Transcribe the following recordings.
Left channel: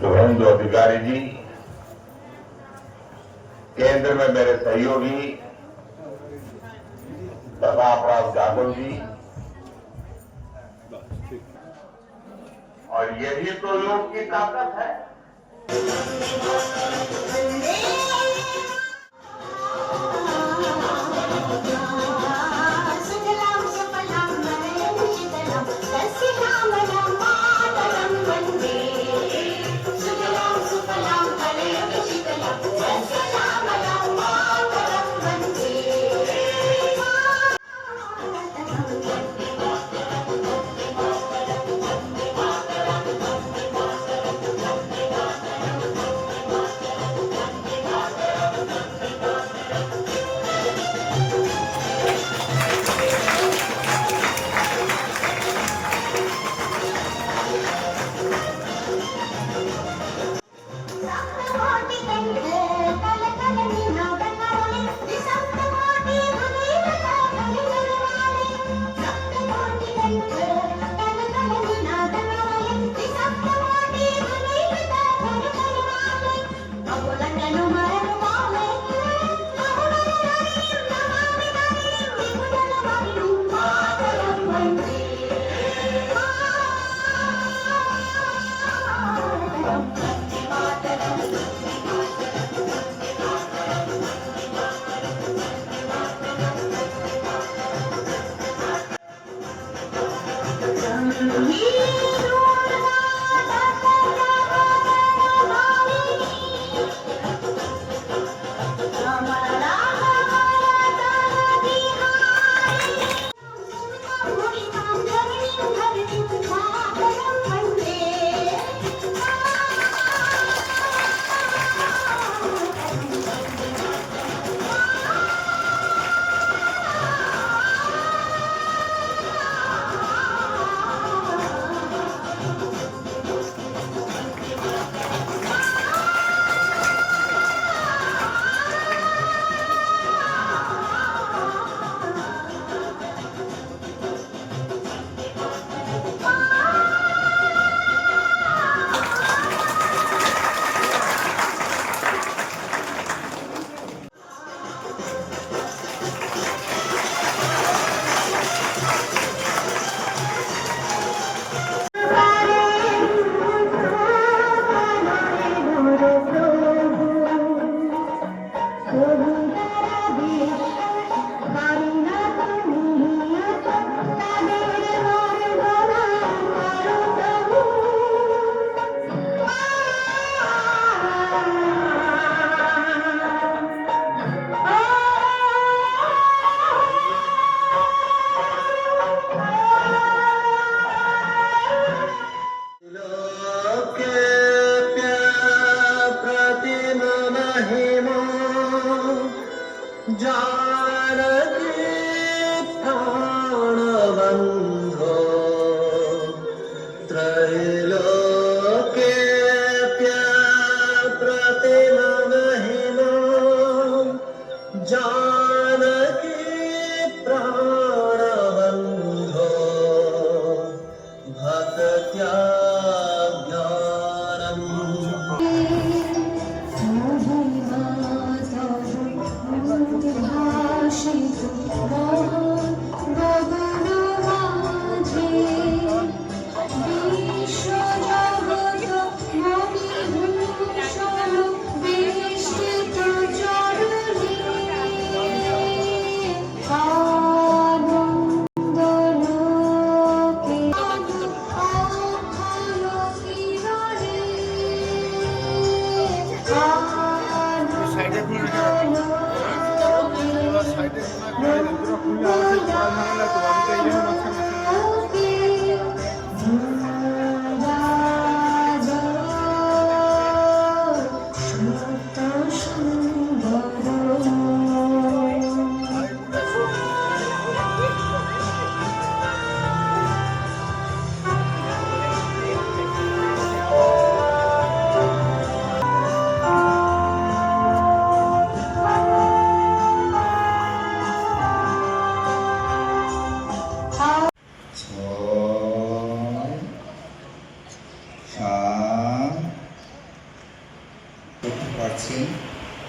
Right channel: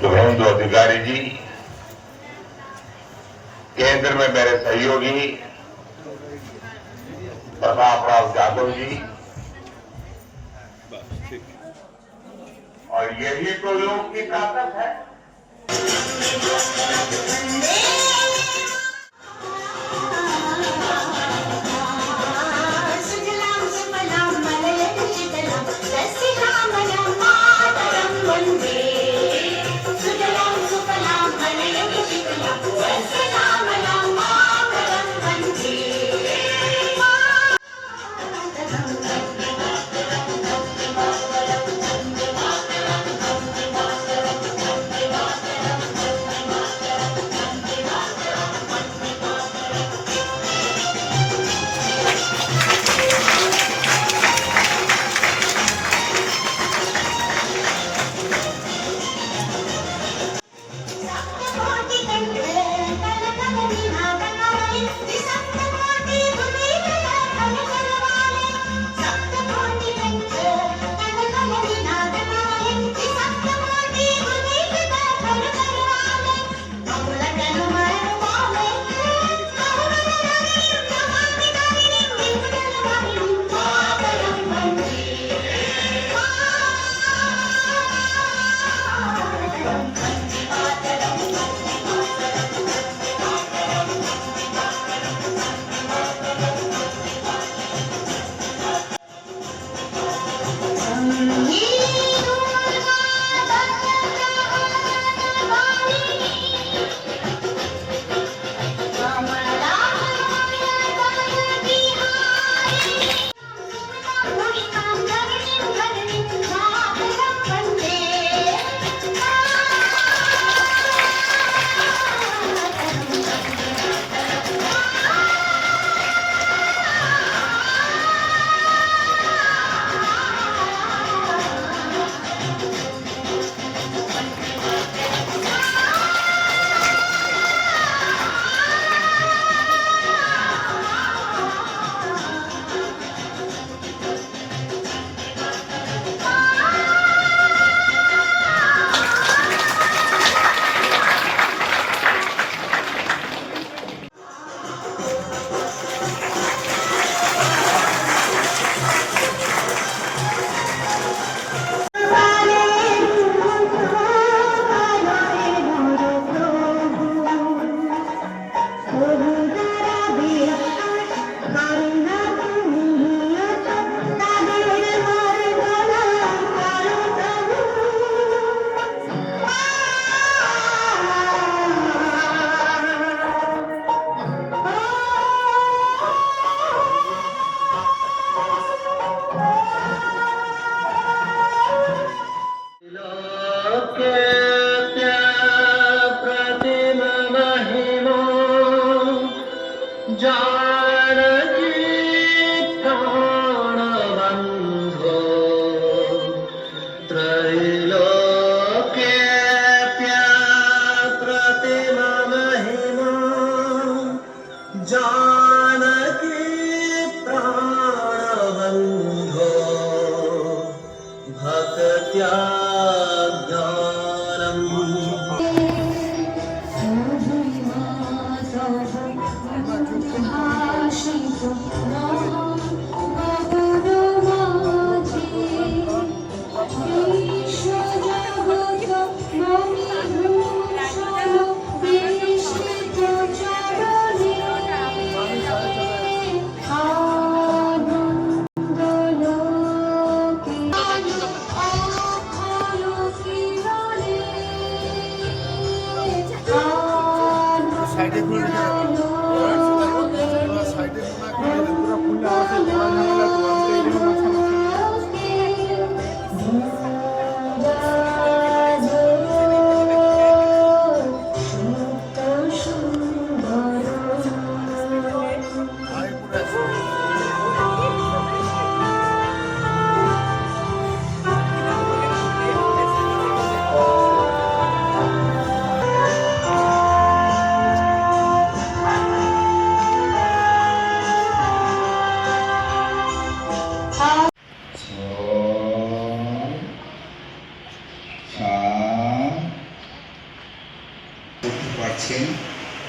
शुभेंदु अधिकारी जी, केंद्र में मेरे सहयोगी प्रताप राव जाधव जी, और यही तो योग की ताकत है। করছেন,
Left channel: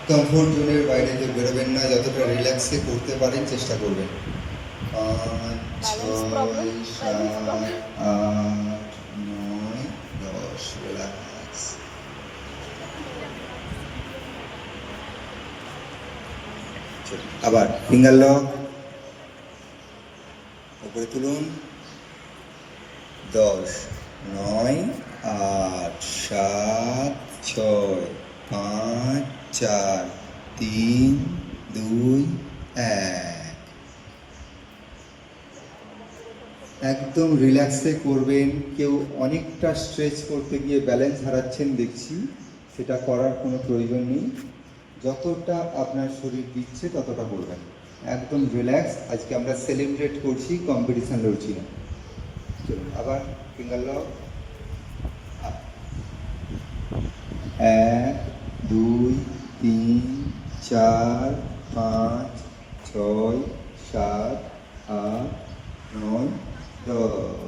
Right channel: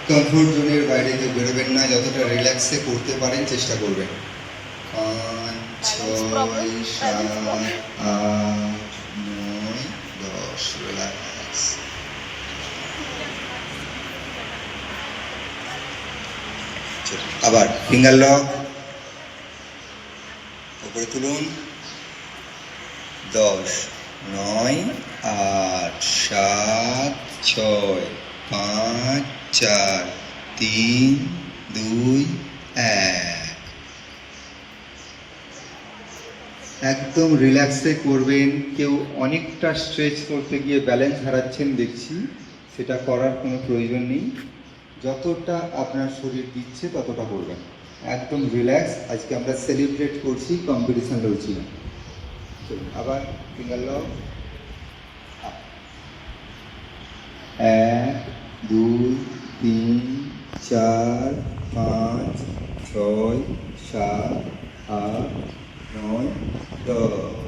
কমফোর্ট জোনের বাইরে কেউ বেরোবেন না, যতটা রিল্যাক্সে করতে পারেন চেষ্টা করবেন। 5, 6, 7, 8, 9, 10, রিল্যাক্স। আবার ফিঙ্গার লক, উপরে তুলুন। 10, 9, 8, 7, 6, 5, 4, 3, 2, 1। একদম রিল্যাক্সে করবেন। কেউ অনেকটা স্ট্রেচ করতে গিয়ে ব্যালেন্স হারাচ্ছেন দেখছি, সেটা করার কোনো প্রয়োজন নেই। যতটা আপনার শরীর দিচ্ছে ততটা করবেন, একদম রিল্যাক্স। আজকে আমরা সেলিব্রেট করছি, কম্পিটিশান লড়ছি না। চলুন আবার ফিঙ্গার লক। 1, 2, 3, 4, 5, 6, 7, 8, 9, 10।